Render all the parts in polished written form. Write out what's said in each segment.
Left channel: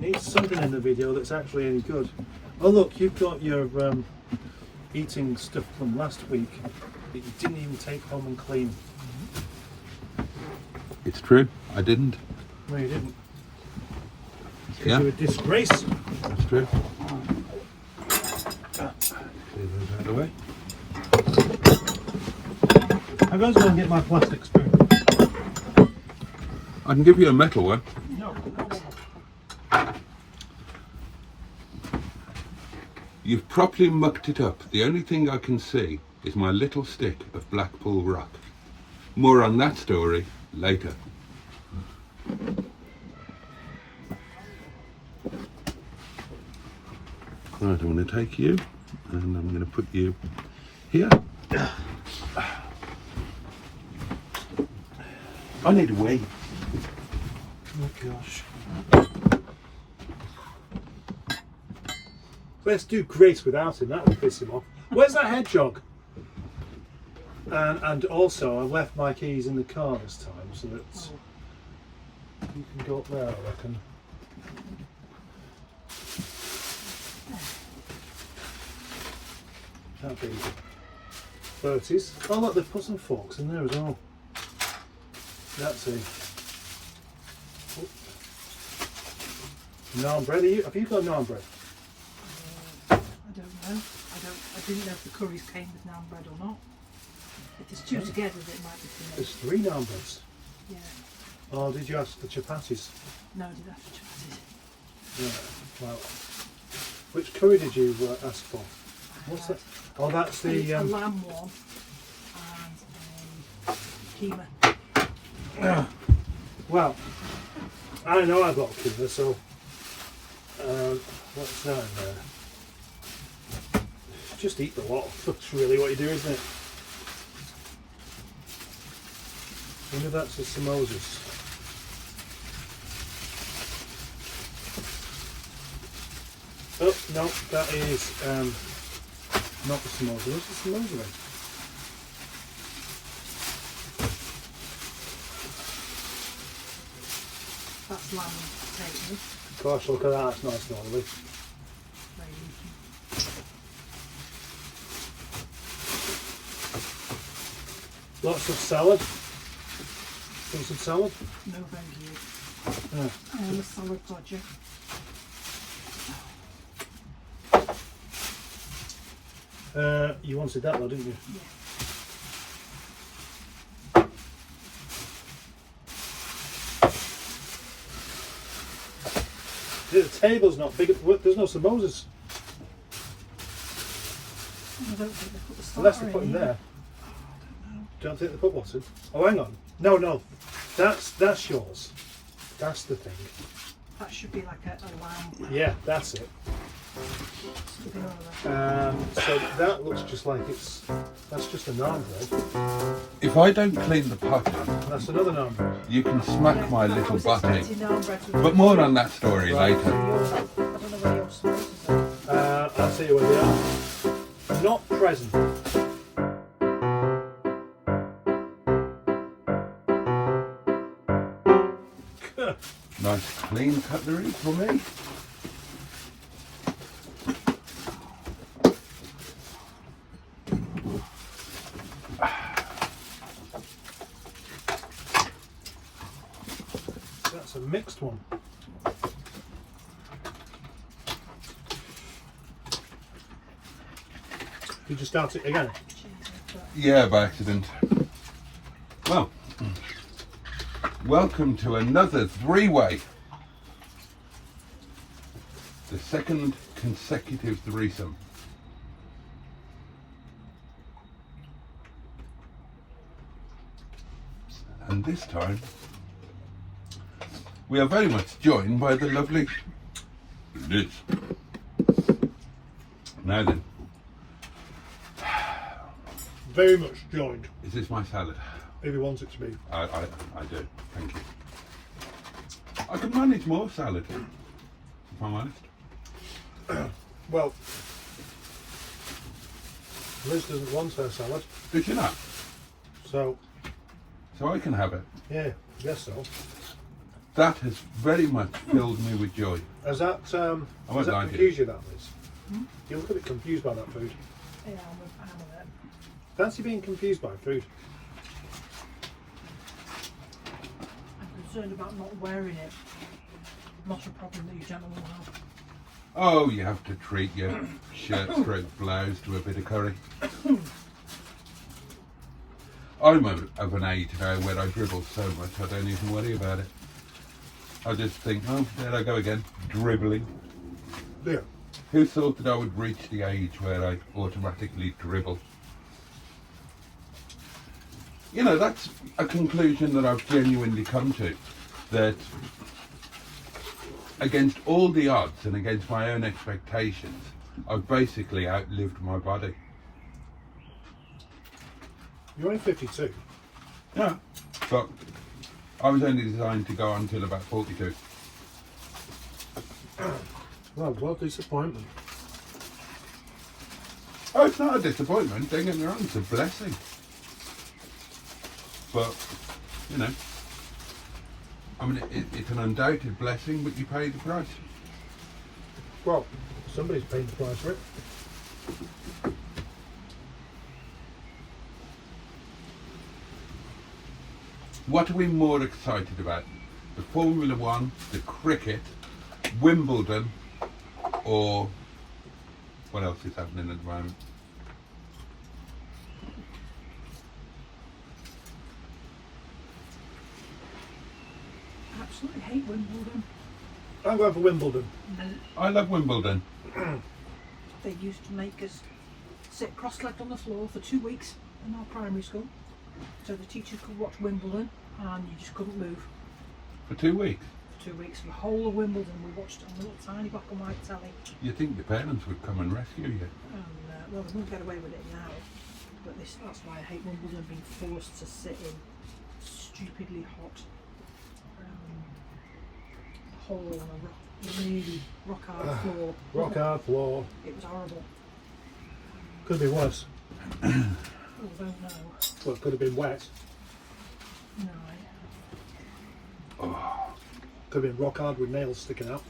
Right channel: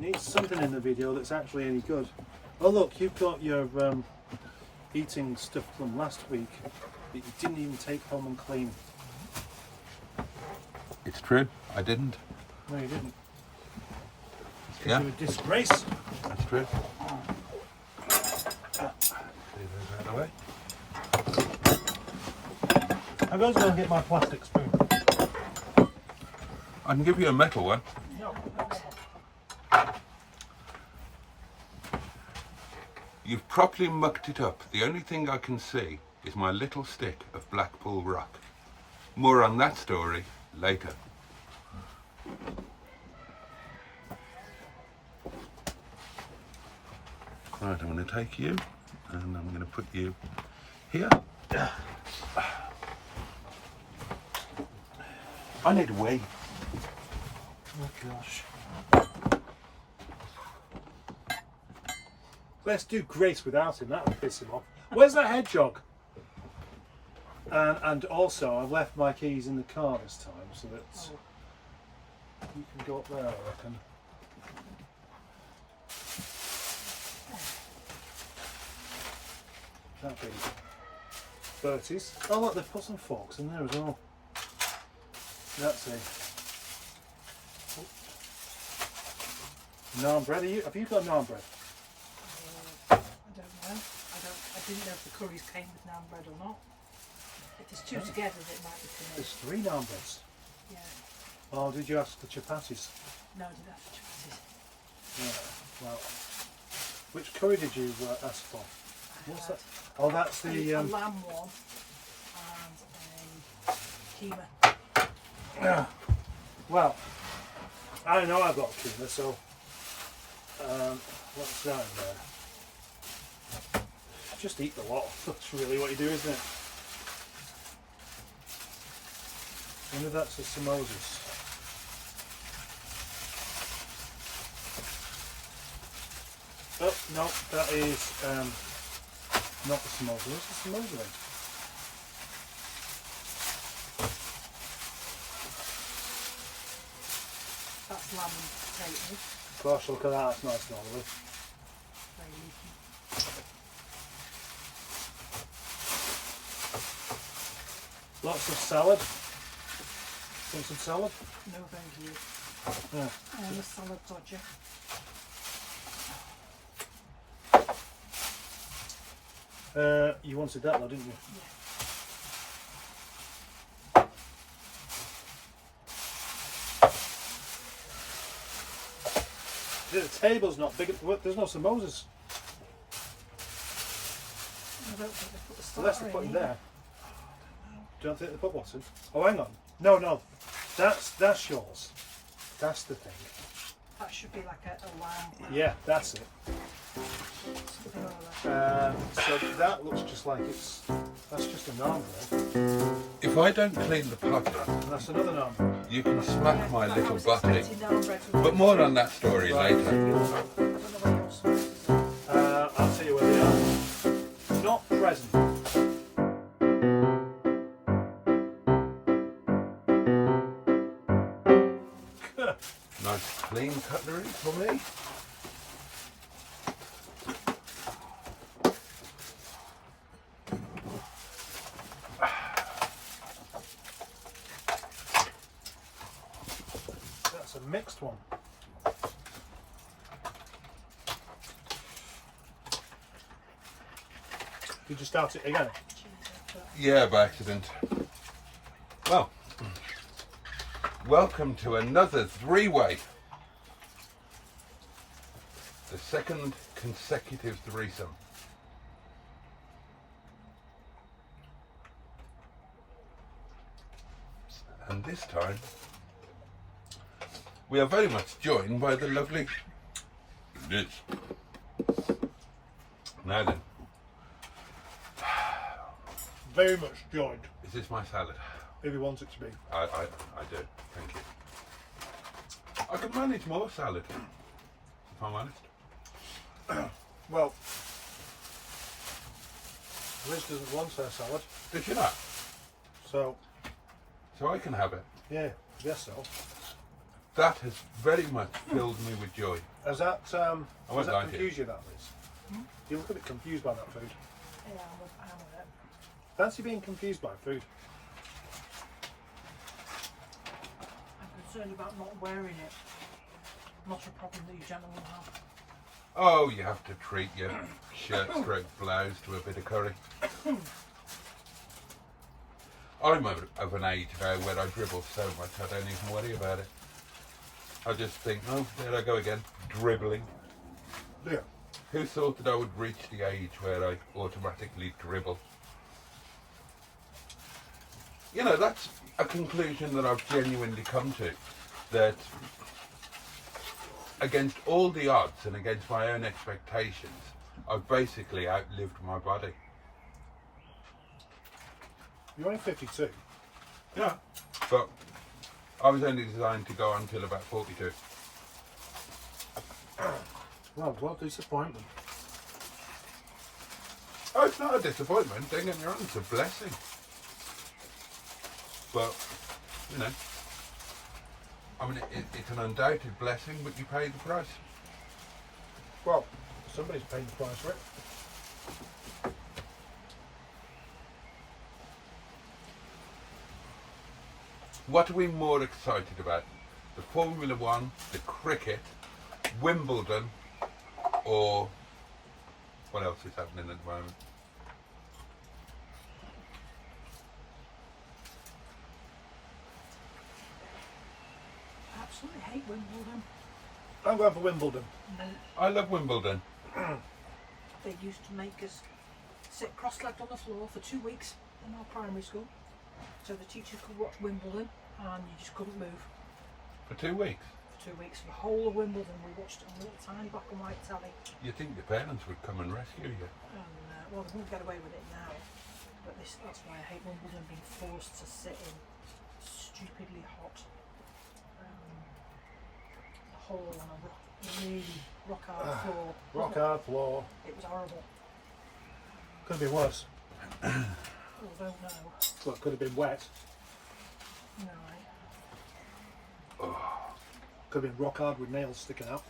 need something in the video that's actually any good. Oh look, you've got your eating stuff from last week that you didn't even take home and clean. It's true, I didn't. No, you didn't. Yeah. You're a disgrace. It's true. I'm going to go and get my plastic spoon. I can give you a metal one. No. You've properly mucked it up. The only thing I can see is my little stick of Blackpool rock. More on that story later. Right, I'm going to take you and I'm going to put you here. I need a wee. Oh gosh. Let's do great without him, that will piss him off. Where's that hedgehog? And also, I've left my keys in the car this time, so that you can go up there, I reckon. That'd be good. Boaties. Oh look, they've put some forks in there as well. That's it. Naan bread. Have you got naan bread? I don't know. I didn't know if the curries came with naan bread or not. If there's two together, that might be too much. There's 3 naan breads. Yeah. Oh, did you ask for chapatis? No, I didn't have to try it. Yeah. Well, which curry did you ask for? What's that? Oh, that's the A lamb one and keema. Well, I know I've got keema, so what's that in there? Just eat the lot. That's really what you do, isn't it? I wonder if that's the samosas. Oh no, that is not the samosa. Where's the samosa then? That's lamb and potatoes. Gosh, look at that, that's nice and oily. Lots of salad. Want some salad? No, thank you. A salad project. You wanted that though, didn't you? Yeah. The table's not big. There's no samosas. I don't think they put the Unless starter they put in them there. I don't know. Don't think they put what's in? Oh, hang on. No. That's yours. That's the thing. That should be like a lamb. Yeah, that's it. Something like that. So that looks just like that's just a naan bread. If I don't clean the pot up, That's another naan bread. you can smack my little butty. Naan bread with But more on that story later. I don't know where your sauce is. I'll tell you where they are. Not present. Nice clean cutlery for me. That's a mixed one. Did you start it again? Yeah, by accident. Well, welcome to another three-way. The second consecutive threesome. And this time, we are very much joined by the lovely Liz. Now then, Very much joined, is this my salad? if you want it to be. I do, thank you. I could manage more salad, if I'm honest. Well, Liz doesn't want her salad, Did you not? so So I can have it. yeah, I guess so. That has very much filled me with joy. Has that, I has that like it. confused you, that, Liz? You look a bit confused by that food. Yeah, I'm in it. Fancy being confused by food. I'm concerned about not wearing it. Not a problem that you gentlemen will have. Oh, you have to treat your shirt blouse to a bit of curry. I'm of an age now where I dribble so much I don't even worry about it. I just think, oh, there I go again, dribbling. Yeah. Who thought that I would reach the age where I automatically dribble? You know, that's a conclusion that I've genuinely come to. That against all the odds and against my own expectations, I've basically outlived my body. You're only 52. Yeah. But I was only designed to go until about 42. Well, what a disappointment. Oh, it's not a disappointment, don't get me wrong, it's a blessing. But, you know, I mean, it's an undoubted blessing, but you pay the price. Well, somebody's paying the price for it. What are we more excited about? The Formula One, the cricket, Wimbledon, or what else is happening at the moment? I absolutely hate Wimbledon. I'm going for Wimbledon. I love Wimbledon. They used to make us sit cross-legged on the floor for 2 weeks in our primary school, so the teachers could watch Wimbledon and you just couldn't move. For 2 weeks. For 2 weeks, the whole of Wimbledon we watched on a little tiny black and white telly. You'd think the parents would come and rescue you. And well, they won't get away with it now, but that's why I hate Wimbledon, being forced to sit in stupidly hot hole on a really rock hard floor. Rock hard floor. It was horrible. Could have been worse. I don't know. Well, it could have been wet. No, mate. Could have been rock hard with nails sticking out.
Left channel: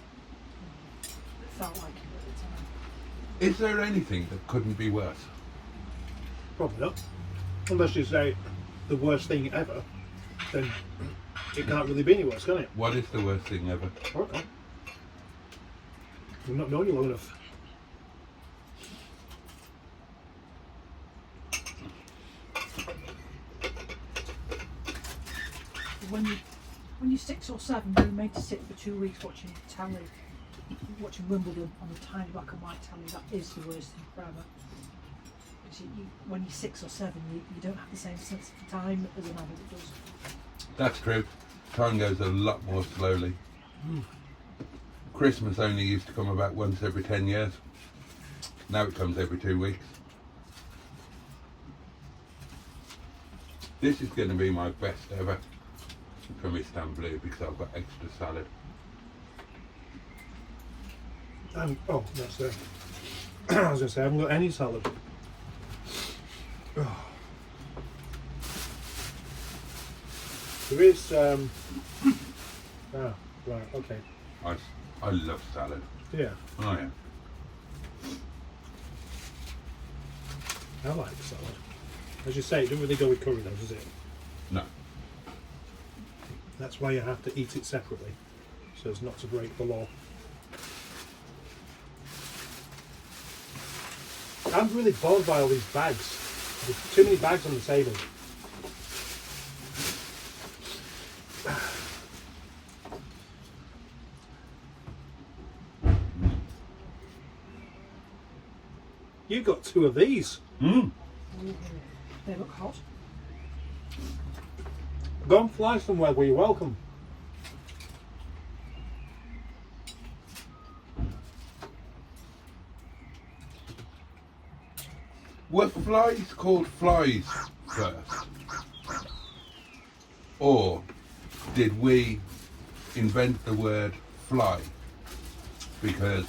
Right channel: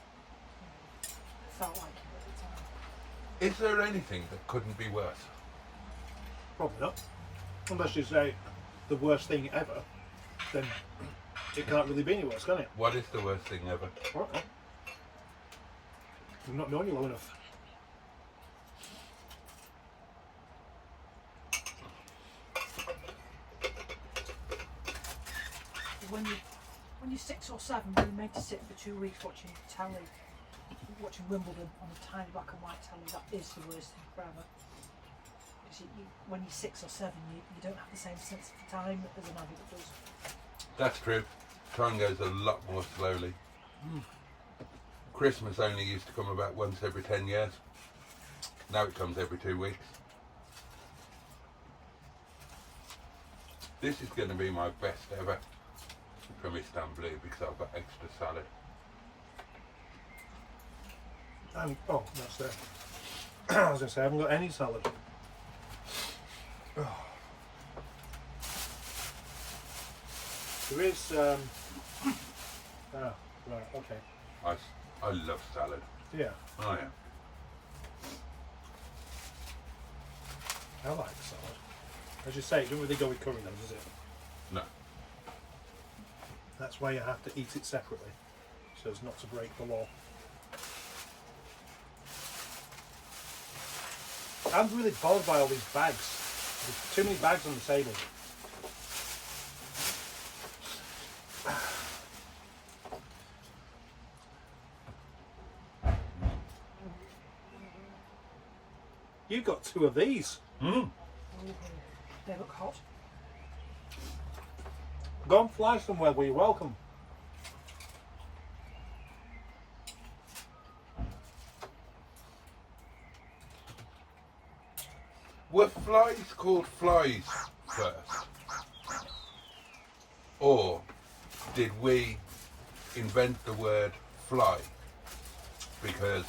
It felt like it at the time. Is there anything that couldn't be worse? Probably not. Unless you say the worst thing ever, then it can't really be any worse, can it? What is the worst thing ever? Okay. We've not known you long enough. When you're 6 or 7, you're made to sit for 2 weeks watching telly, watching Wimbledon on the tiny black and white telly. That is the worst thing forever. Because when you're 6 or 7, you don't have the same sense of time as an adult does. That's true. Time goes a lot more slowly. Christmas only used to come about once every 10 years. Now it comes every 2 weeks. This is going to be my best ever from Istanblue because I've got extra salad. And, oh, that's there. I was going to say, I haven't got any salad. There is, right, okay. I love salad. Yeah, I am. I like salad. As you say, it doesn't really go with curry though, does it? No. That's why you have to eat it separately, so as not to break the law. I'm really bothered by all these bags. There's too many bags on the table. You got 2 of these. Mm. They look hot. Go and fly somewhere where you're welcome. Were flies called flies first? Or did we invent the word fly because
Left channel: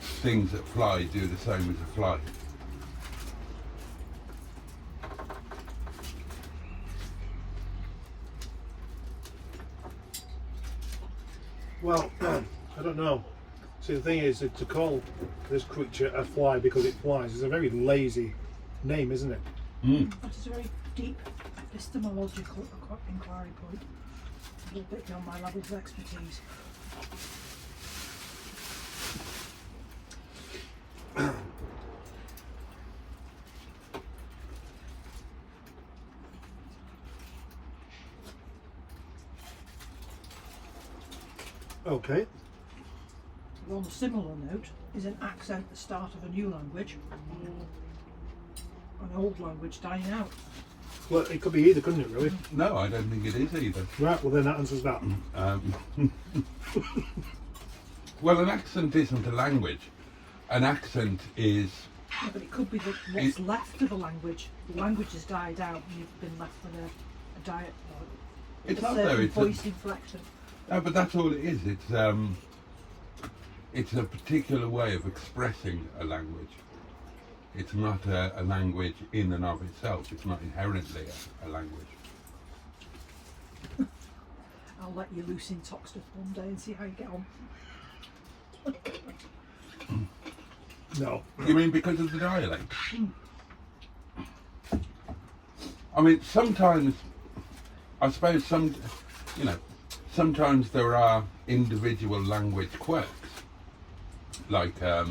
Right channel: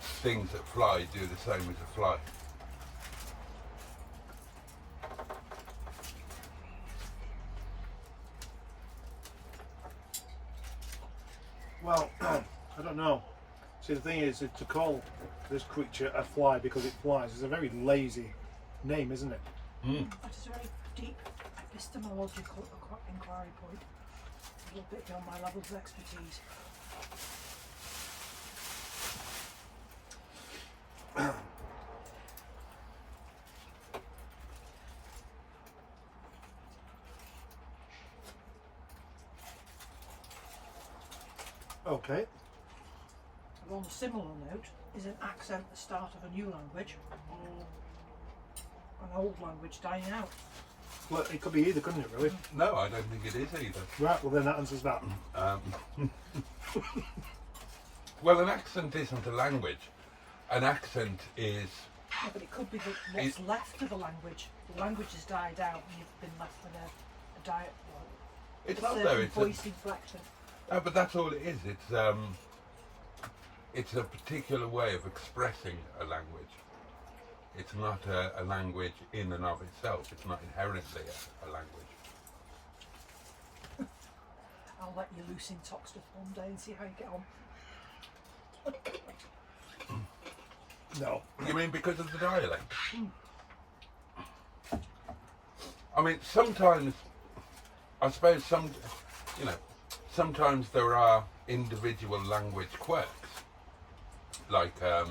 things that fly do the same as a fly? Well, I don't know. See, the thing is, to call this creature a fly because it flies is a very lazy name, isn't it? Mm. That is a very deep epistemological inquiry point. A little bit beyond my level of expertise. Okay. On a similar note, is an accent the start of a new language or an old language dying out? Well, it could be either, couldn't it, really? No, I don't think it is either. Right, well then that answers that. Well, an accent isn't a language. An accent is... Yeah, but it could be that what's left of a language. The language has died out and you've been left with a diet. It's a not though. certain It's voice inflection. no, but that's all it is. It's a particular way of expressing a language. It's not a language in and of itself. It's not inherently a language. I'll let you loose in Toxteth one day and see how you get on. No. You mean because of the dialect? I mean, sometimes, I suppose sometimes there are individual language quirks, like a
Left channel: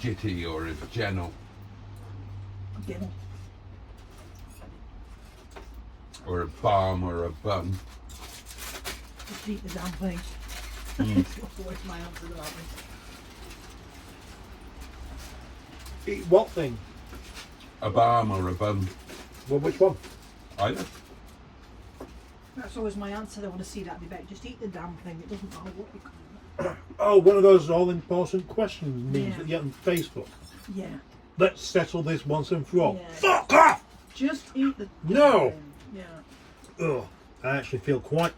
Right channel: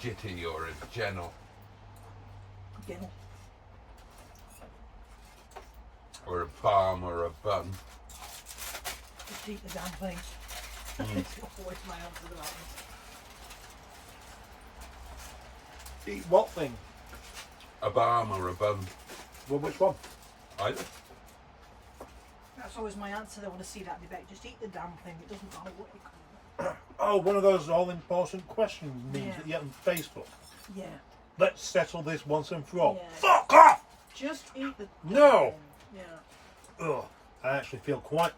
jitty or a gentle Again, or a balm or a bun. just eat the damn thing. It's not always my answer, aren't they? Eat what thing? A balm or a bun. Well, which one? Either. That's always my answer. They want to see that debate. Just eat the damn thing. It doesn't matter what you call it. Oh, one of those all-important question memes Yeah. that you get on Facebook. Yeah. Let's settle this once and for all. Yeah. Fuck off! Just eat the damn No. thing. Yeah. Ugh, I actually feel quite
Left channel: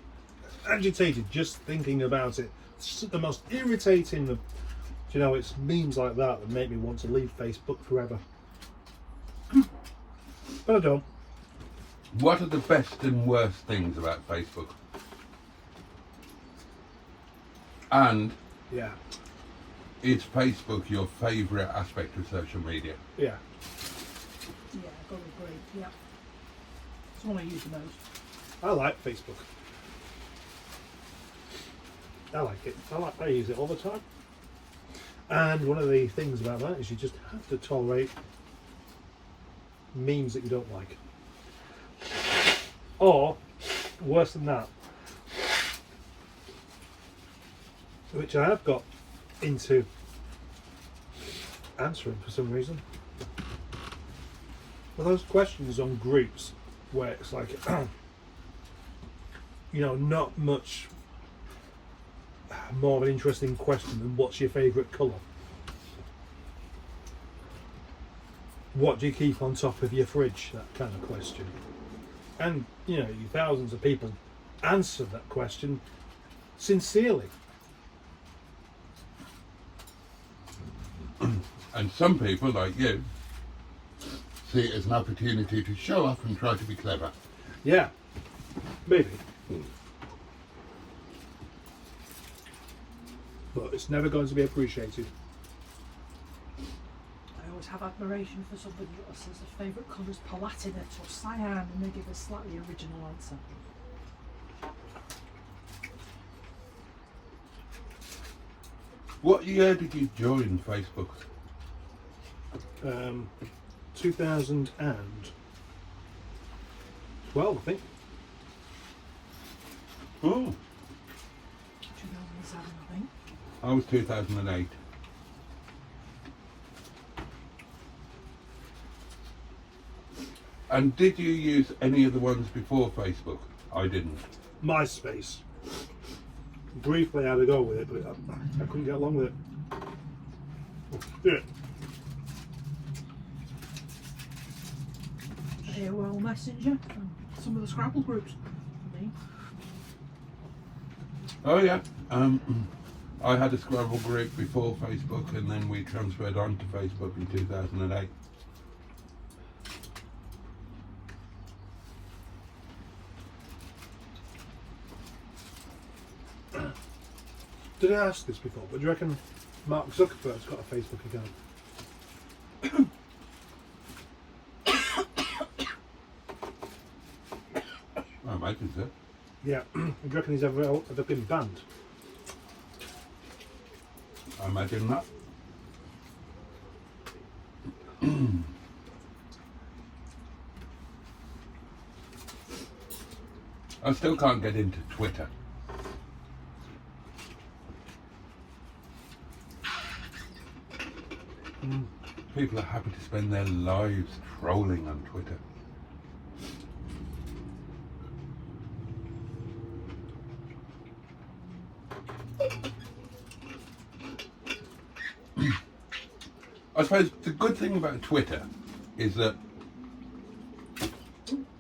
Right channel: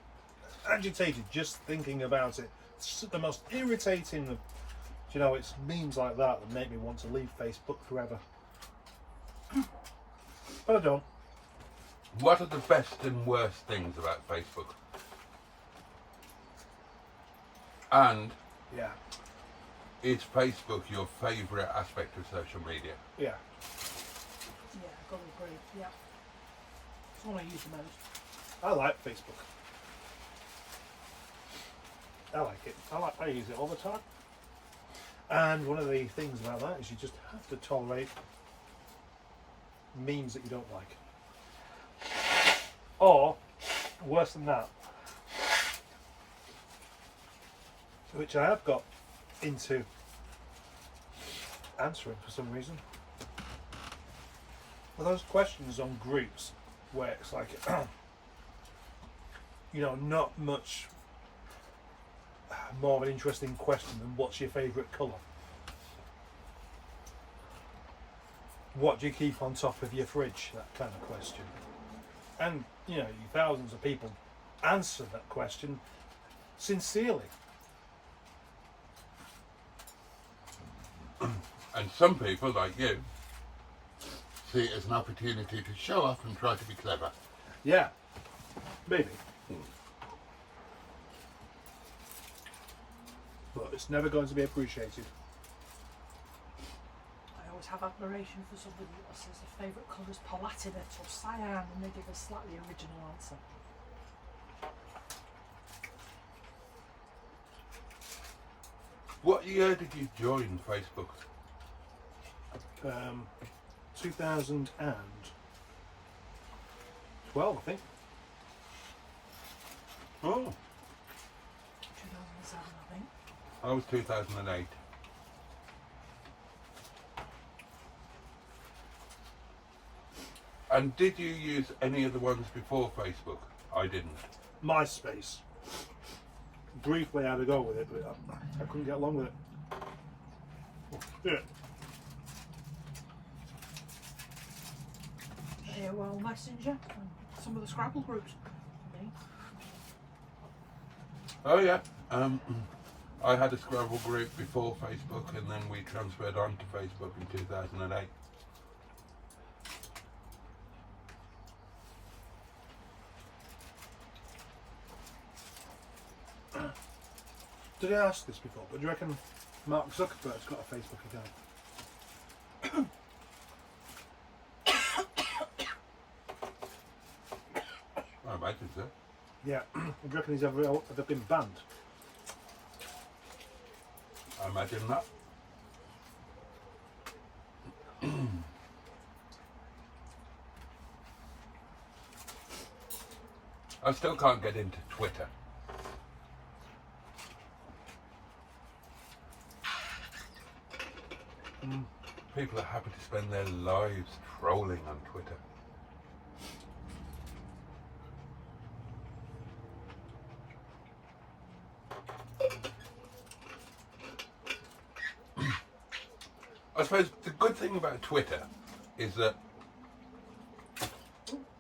agitated just thinking about it. It's the most irritating of, it's memes like that that make me want to leave Facebook forever. But I don't. What are the best and worst things about Facebook? And Yeah, is Facebook your favourite aspect of social media? yeah. Yeah, I've got to agree. Yeah. It's one I use the most. I like Facebook. I like it. I use it all the time. And one of the things about that is you just have to tolerate memes that you don't like. Or, worse than that, which I have got into answering for some reason, are those questions on groups where it's like, not much more of an interesting question than what's your favourite colour? What do you keep on top of your fridge? That kind of question. And, thousands of people answer that question sincerely. And some people, like you, see it as an opportunity to show off and try to be clever. Yeah, maybe. But it's never going to be appreciated. I always have admiration for somebody that says their favourite colour is palatinate or cyan and they give a slightly original answer. What year did you join Facebook? 2012, I think. Oh, 2007, I think. I was 2008. And did you use any of the ones before Facebook? I didn't. MySpace. Briefly I had to go with it, but I couldn't get along with it. Yeah. AOL Messenger and some of the Scrabble groups. For me. Oh yeah. I had a Scrabble group before Facebook, and then we transferred on to Facebook in 2008. Did I ask this before? But do you reckon Mark Zuckerberg's got a Facebook account? I imagine so. Yeah. Do you reckon he's ever been banned? I imagine that. I still can't get into Twitter. People are happy to spend their lives trolling on Twitter. I suppose the good thing about Twitter is that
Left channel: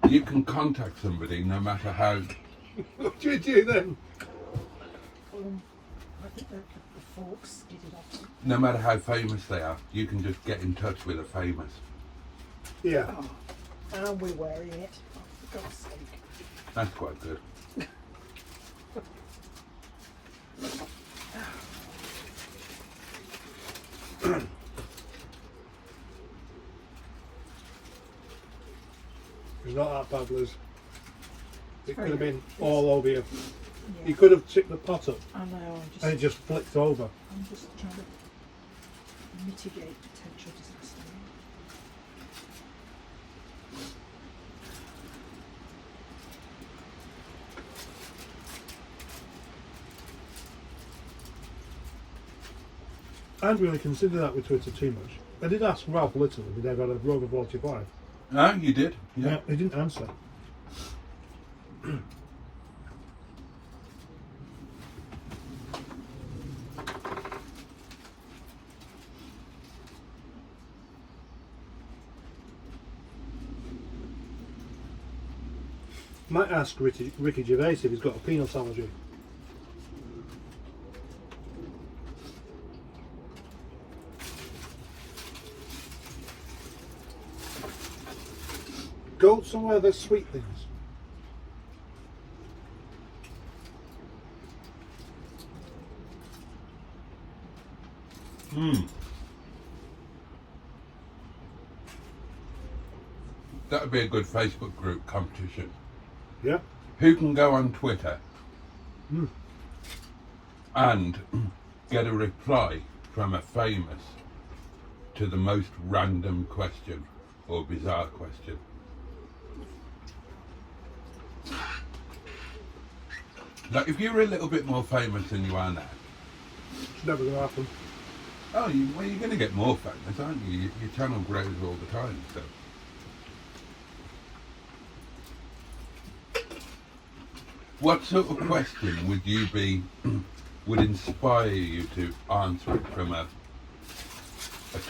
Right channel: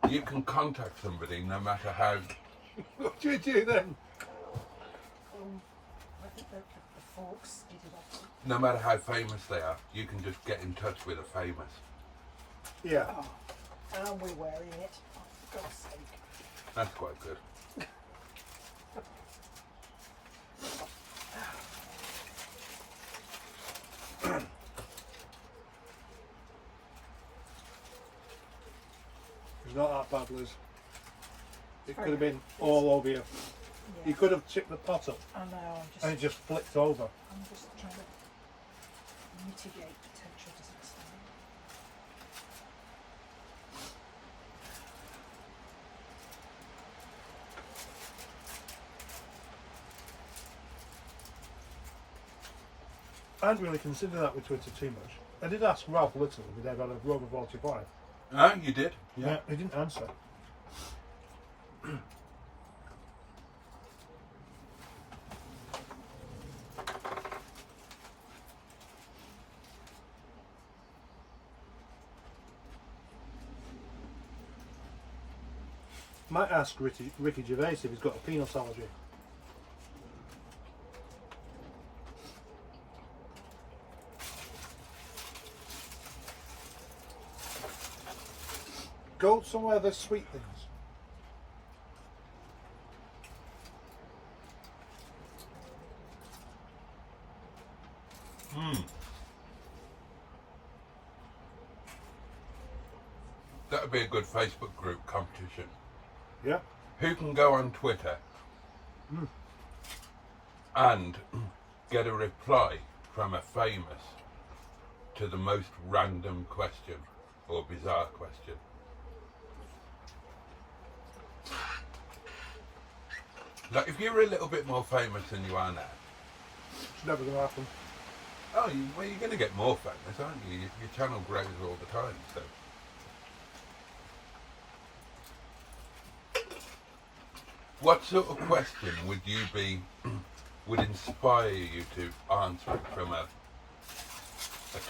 you can contact somebody no matter how, What do you do then? I think the forks did it off. no matter how famous they are. You can just get in touch with a famous. Yeah. Oh, and we're wearing it. For God's sake. That's quite good. It's not that bad, Liz. It Oh, could have yeah. been all over you. Yeah. You could have tipped the pot up I know, and it just flicked over. I'm just trying to mitigate potential disaster. I hadn't really considered that with Twitter too much. I did ask Ralph Little if he'd ever had a Rover 45. Ah, you did? Yeah. He didn't answer. Might ask Ricky Gervais if he's got a peanut allergy. Go somewhere there's sweet things. That would be a good Facebook group competition. Yeah. Who can go on Twitter Mm. and get a reply from a famous to the most random question or bizarre question? Like if you were a little bit more famous than you are now, It's never going to happen. well, you're going to get more famous, aren't you? Your channel grows all the time. So. What sort of question would inspire you to answer it from a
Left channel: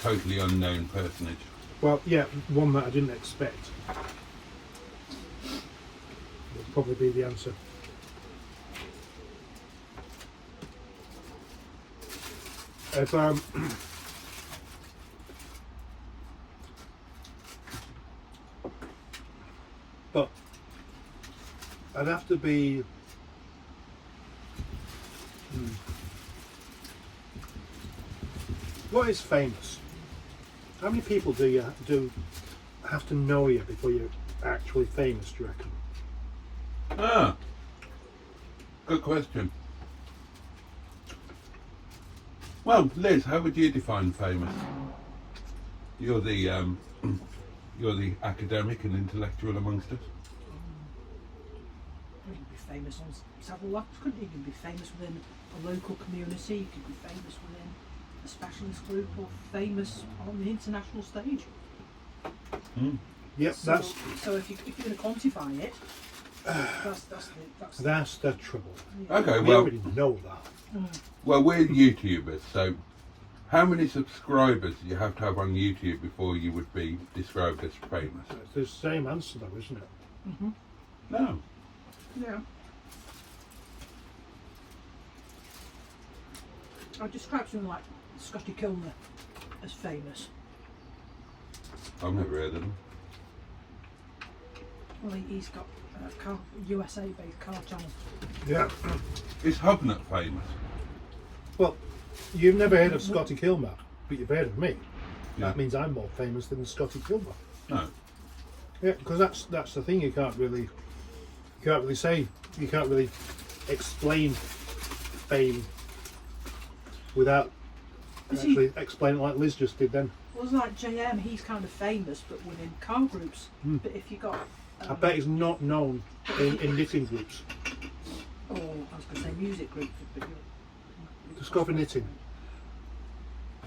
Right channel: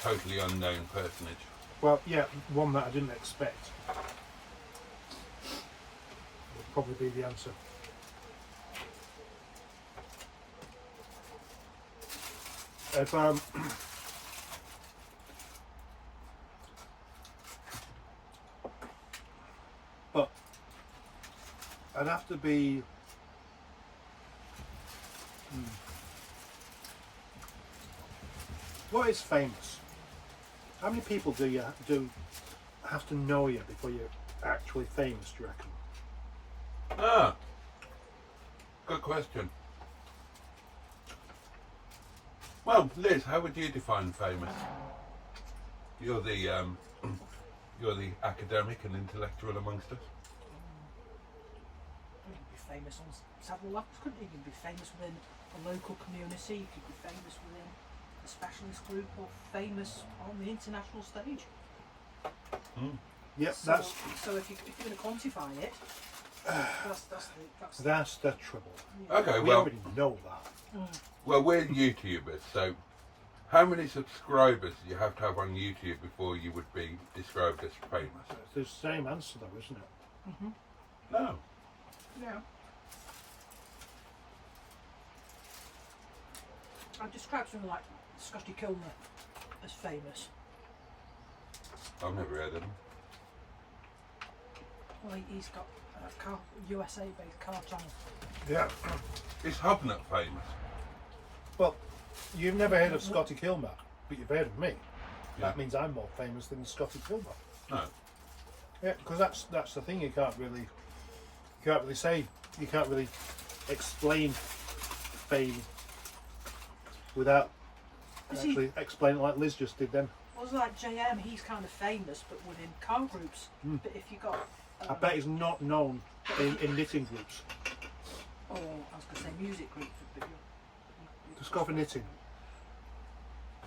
totally unknown personage? Well, yeah, one that I didn't expect would probably be the answer. If but I'd have to be what is famous? How many people do you have to know you before you're actually famous, do you reckon? Ah, good question. Well, Liz, how would you define famous? You're the academic and intellectual amongst us. You could be famous on several levels, couldn't you? You could be famous within a local community, you could be famous within a specialist group, or famous on the international stage. Yep, So if you're going to quantify it, that's the trouble. Okay, We well, already know that. well, we're YouTubers, so how many subscribers do you have to have on YouTube before you would be described as famous? It's the same answer though, isn't it? No. yeah. I'd describe something like Scotty Kilner as famous. I've never heard of them. Well, he's got a USA-based car channel. Yeah. Is Hubnut famous? Well, you've never heard of Scotty Kilmer, but you've heard of me. Yeah. That means I'm more famous than Scotty Kilmer. No. Yeah, because that's the thing. You can't really say. You can't really explain fame without actually explaining like Liz just did then. It was like JM, he's kind of famous, but within car groups. But if you got, I bet he's not known in knitting groups. or I was going to say music groups, but Just go for knitting.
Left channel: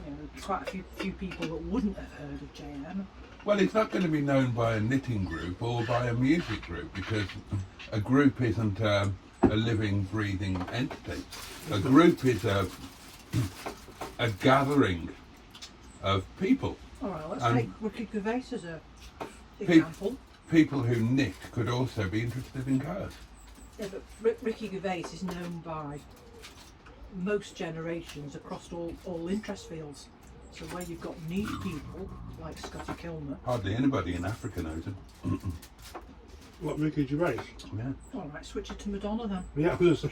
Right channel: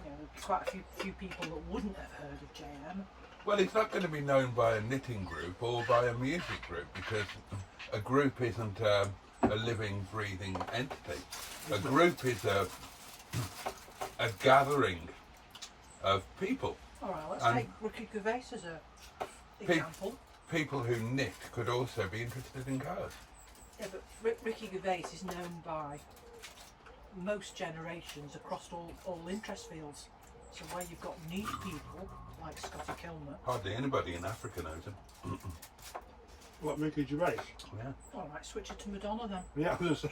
you know, quite a few people that wouldn't have heard of JM. Well, it's not going to be known by a knitting group or by a music group because a group isn't a living, breathing entity. A group is a gathering of people. All right, let's And take Ricky Gervais as a example. People who knit could also be interested in cars. Yeah, but Ricky Gervais is known by most generations across all interest fields. So where you've got niche people like Scotty Kilmer. Hardly anybody in Africa knows him. What, Ricky Gervais? Yeah. All right, switch it to Madonna then. Yeah, I was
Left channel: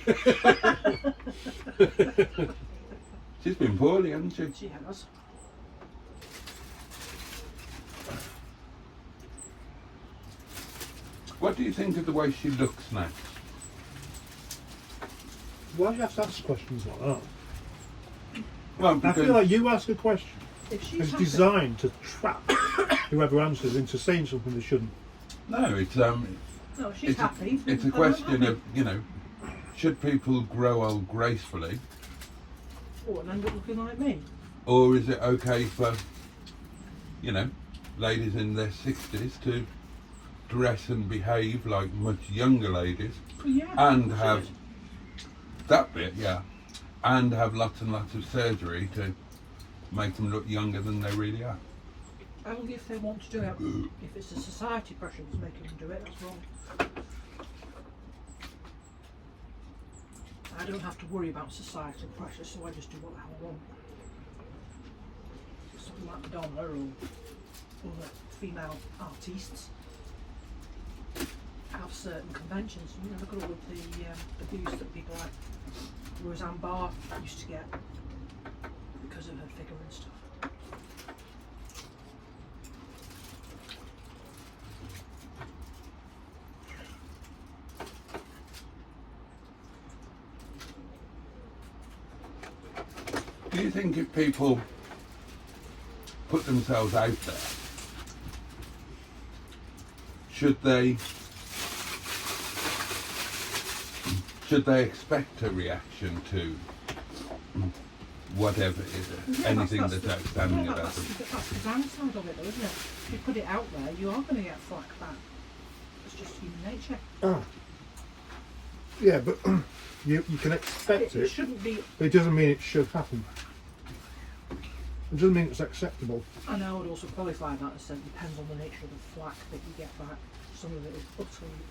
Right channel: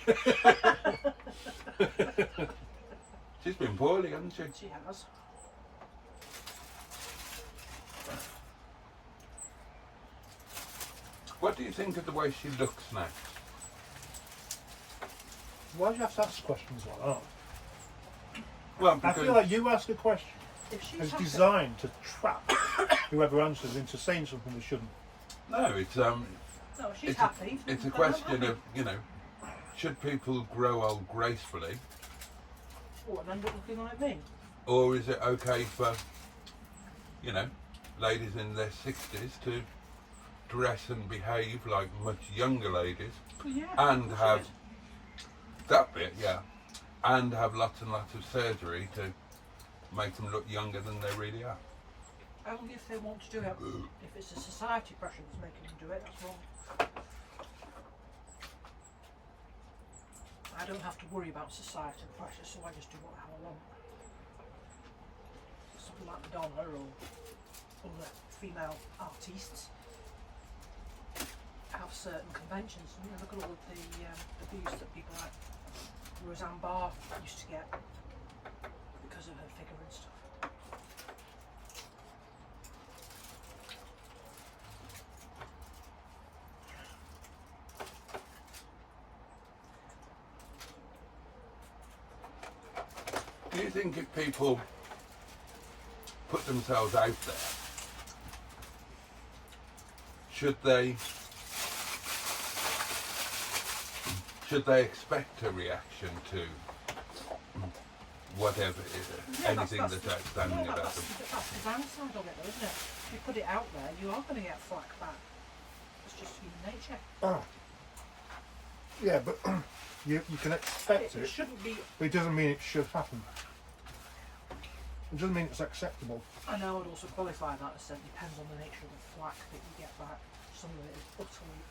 She's been poorly, hasn't she? She has. What do you think of the way she looks now? Why do you have to ask questions like that? Well, I because feel like you ask a question. If she's It's happy, designed to trap whoever answers into saying something they shouldn't. no, it's no, she's it's happy. it's a I'm question happy. of, you know, should people grow old gracefully, Oh, and end up looking like me. or is it okay for, you know, ladies in their 60s to dress and behave like much younger ladies Oh, yeah. and she have is. that bit, yeah, and have lots and lots of surgery to make them look younger than they really are? Only if they want to do it. If it's a society pressure that's making them do it, that's wrong. I don't have to worry about societal pressure, so I just do what I want. Something like Madonna or like female artists have certain conventions. You know, look at all of the abuse that people have. Roseanne Barr used to get because of her figure and stuff. Do you think if people put themselves out there, should they expect a reaction to whatever is Yeah, anything that's that's outstanding about them? That's the downside of it, though, isn't it? If you put it out there, you are going to get flack back. It's just human nature. Ah. Yeah, but you can expect It it, shouldn't be. but it doesn't mean it should happen. It doesn't mean it's acceptable. And I would also qualify that as saying it depends on the nature of the flack that you get back. Some of it is utterly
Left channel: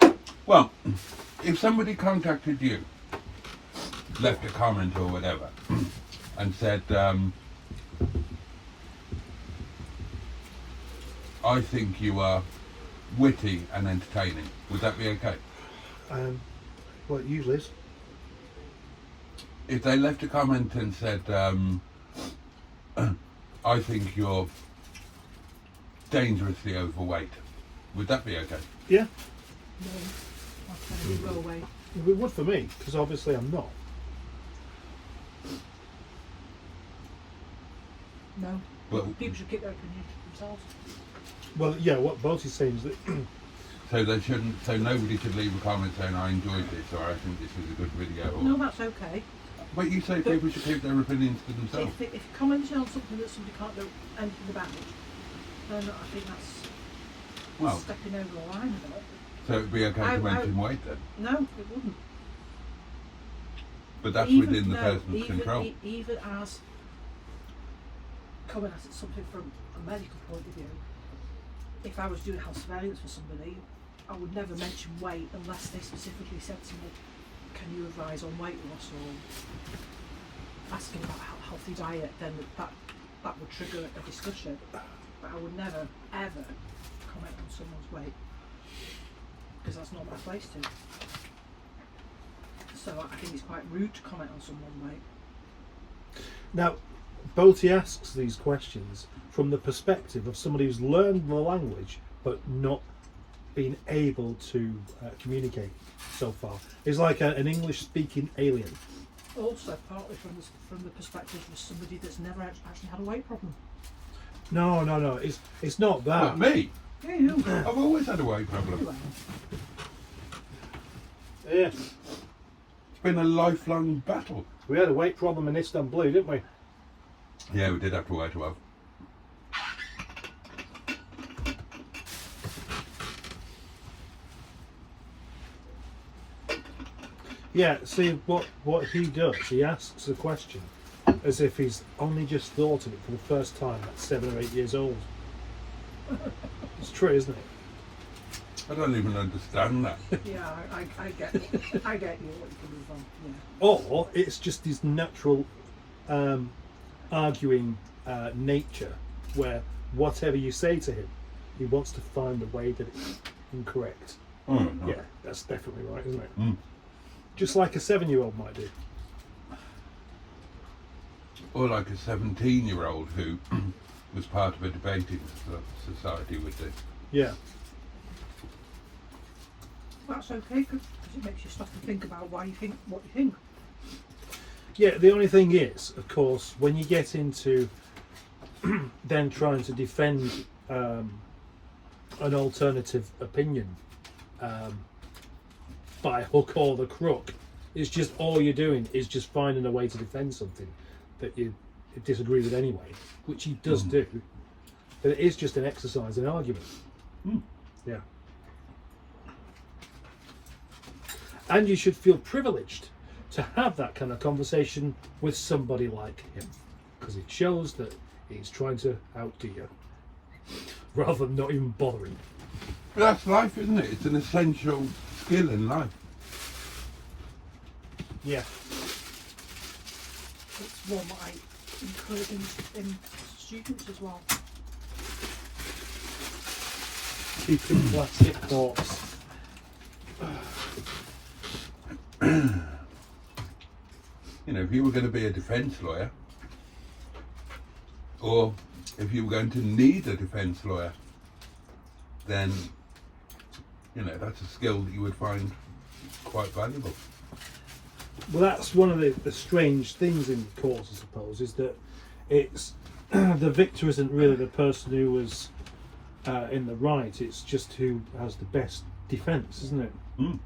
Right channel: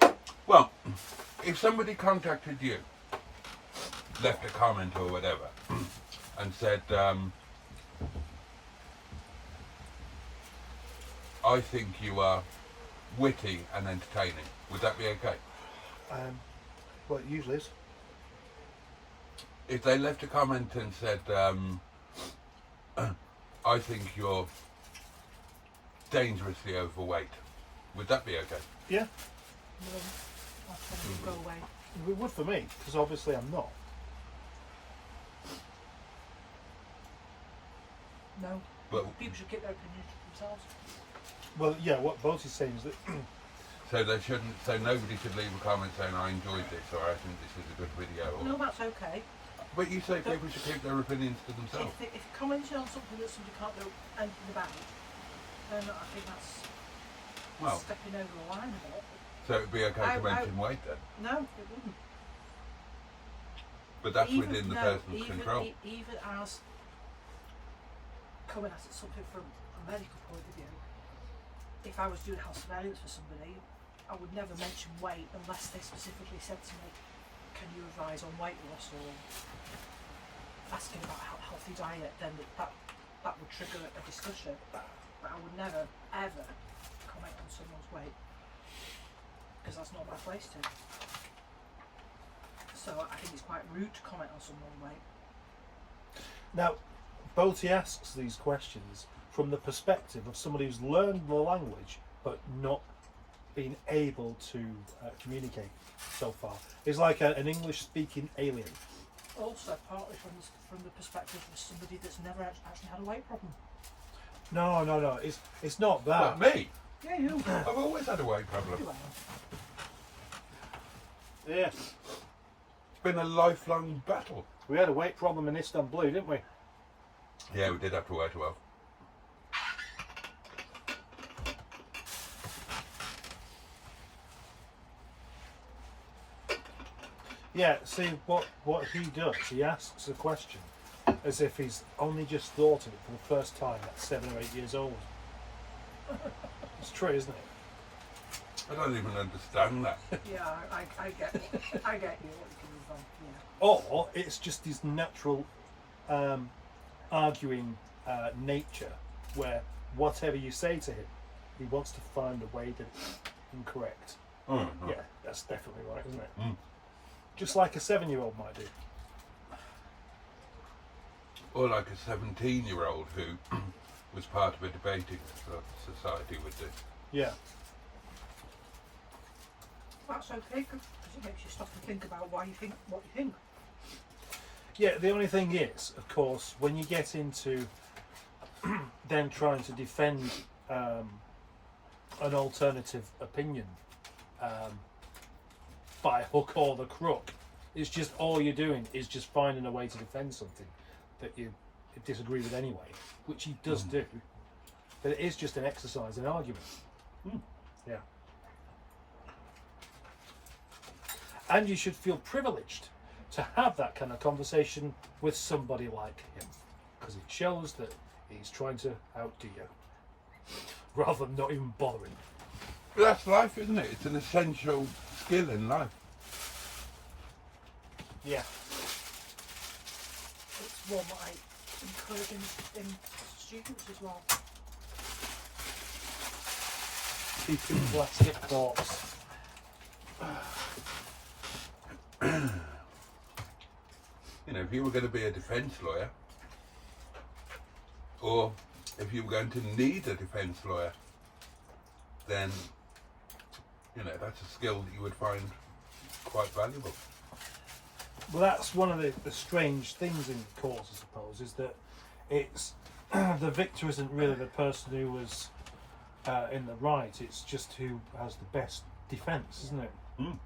unacceptable. Well, if somebody contacted you, left a comment or whatever, and said, I think you are witty and entertaining, would that be okay? Well, it usually is. If they left a comment and said, I think you're dangerously overweight, would that be okay? Yeah, No, that's going to go away. it would for me, because obviously I'm not. No. Well- People should keep their opinions to themselves. Well, yeah, what Boaty's saying is that So they shouldn't. So nobody should leave a comment saying I enjoyed this or I think this was a good video. Or, No, that's okay. but you say people should keep their opinions to themselves. If you're commenting on something that somebody can't do anything about, then I think that's Well, stepping over the line a bit. so it'd be okay to mention weight then. No, it wouldn't. But that's Even- within the no, person's even, control. Even as coming at it something from a medical point of view, if I was doing health surveillance for somebody, I would never mention weight unless they specifically said to me, can you advise on weight loss or asking about a healthy diet, then that would trigger a discussion. But I would never, ever comment on someone's weight because that's not my place to. So I think it's quite rude to comment on someone, mate. Now, Boaty asks these questions from the perspective of somebody who's learned the language but not been able to communicate so far. He's like an English-speaking alien. Also, partly from the perspective of somebody that's never actually had a weight problem. No. It's not that. But me, Yeah, you know. I've always had a weight problem. Yeah, It's been a lifelong battle. we had a weight problem in Istanbul, didn't we? Yeah, we did have to wear 12. Yeah. See what he does. He asks a question as if he's only just thought of it for the first time at 7 or 8 years old. It's true, isn't it? I don't even understand that. Yeah, I get you. I get you what you're coming from. Yeah. Or it's just his natural arguing nature, where whatever you say to him, he wants to find a way that it's incorrect. Yeah, that's definitely right, isn't it? Mm. Just like a 7-year-old might do. Or like a 17-year-old who was part of a debating society would do. Yeah. That's okay because it makes you stop and think about why you think what you think. Yeah, the only thing is, of course, when you get into then trying to defend an alternative opinion by hook or the crook, it's just all you're doing is just finding a way to defend something that you disagree with anyway, which he does do, but it is just an exercise in argument. Yeah. And you should feel privileged to have that kind of conversation with somebody like him, because it shows that he's trying to outdo you rather than not even bothering. But that's life, isn't it? It's an essential skill in life. Yeah. It's one that I encourage in students as well. Keeping plastic forks. You know, if you were going to be a defence lawyer, or if you were going to need a defence lawyer, then, you know, that's a skill that you would find quite valuable. Well, that's one of the strange things in courts, I suppose, is that it's the victor isn't really the person who was in the right, it's just who has the best defence, isn't it? Mm.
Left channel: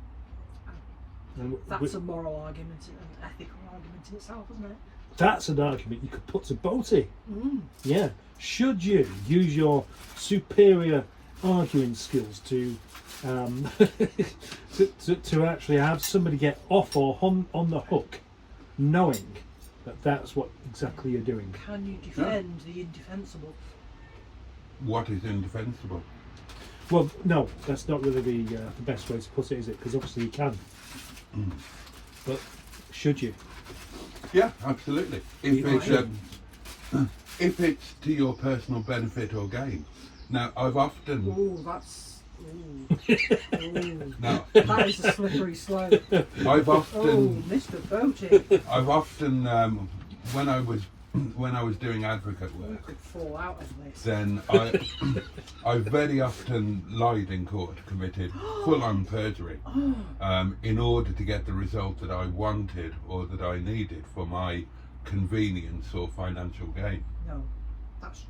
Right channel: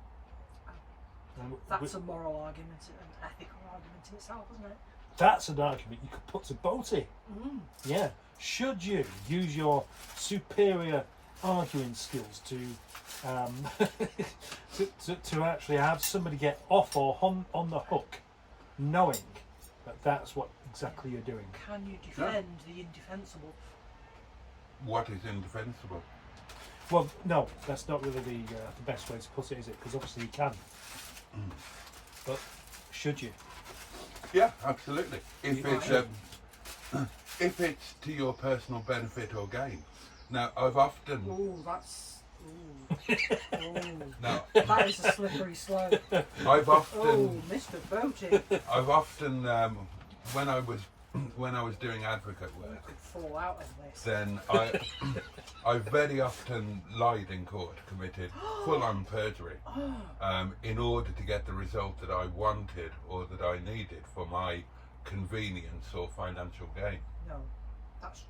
And That's a moral argument, an ethical argument in itself, isn't it? that's an argument you could put to Boaty. Mm. Yeah. Should you use your superior arguing skills to to actually have somebody get off or on the hook, knowing that that's what exactly you're doing? Can you defend the indefensible? What is indefensible? Well, no, that's not really the best way to put it, is it? Because obviously you can. But should you? Yeah, absolutely. If it's to your personal benefit or gain. Now, I've often... Ooh, that's... Ooh. Now, That is a slippery slope. I've Oh, often... Mr. Boaty. I've often, when I was doing advocate You work, could fall out of this. then I very often lied in court, committed full-on perjury, in order to get the result that I wanted or that I needed for my convenience or financial gain. No, that's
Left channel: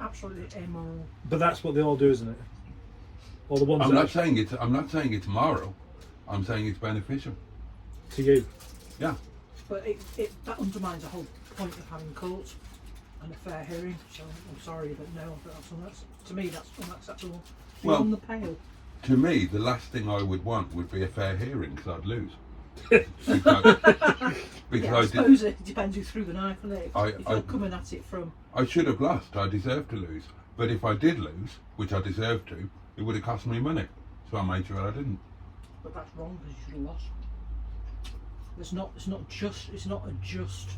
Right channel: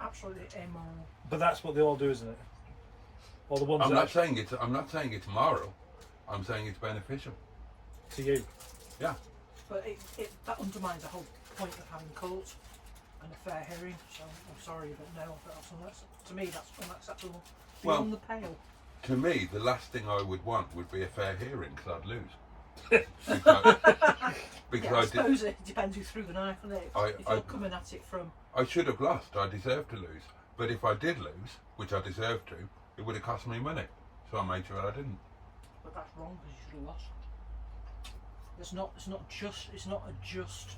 absolutely immoral. But that's what they all do, isn't it? All the ones I'm that not saying it's moral. I'm saying it's beneficial. to you. Yeah. But that undermines the whole point of having court and a fair hearing. So I'm sorry, but no, that's to me that's unacceptable. Well, Beyond the pale. To me, the last thing I would want would be a fair hearing, because I'd lose. Because Yeah, I I suppose it depends who threw the knife, isn't it? If I- you're coming at it from... I should have lost. I deserved to lose. But if I did lose, which I deserved to, it would have cost me money. So I made sure I didn't. But that's wrong, because you should have lost. It's not a just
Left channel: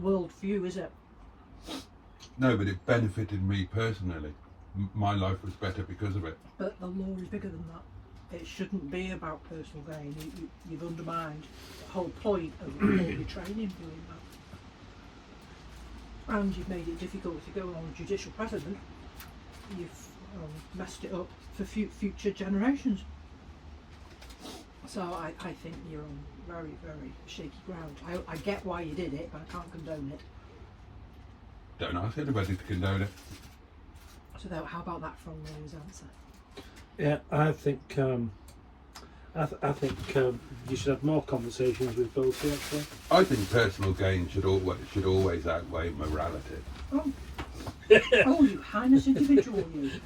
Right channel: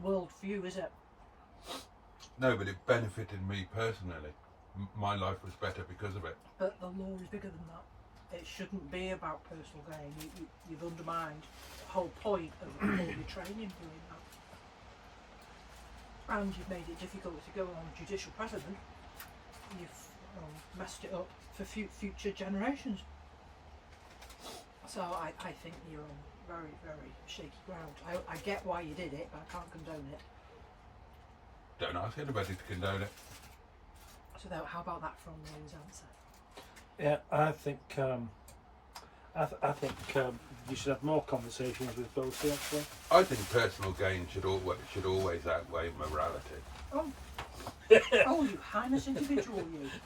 world view, is it? No, but it benefited me personally. My life was better because of it. But the law is bigger than that. it shouldn't be about personal gain. You've undermined the whole point of quality training doing that. And you've made it difficult to go on judicial precedent. You've messed it up for future generations. So I think you're on very, very shaky ground. I get why you did it, but I can't condone it. Don't ask anybody to condone it. So how about that from Ray's answer? Yeah, I think you should have more conversations with Boaty, actually. I think personal gain should always outweigh morality. Oh, oh, you heinous individual, you.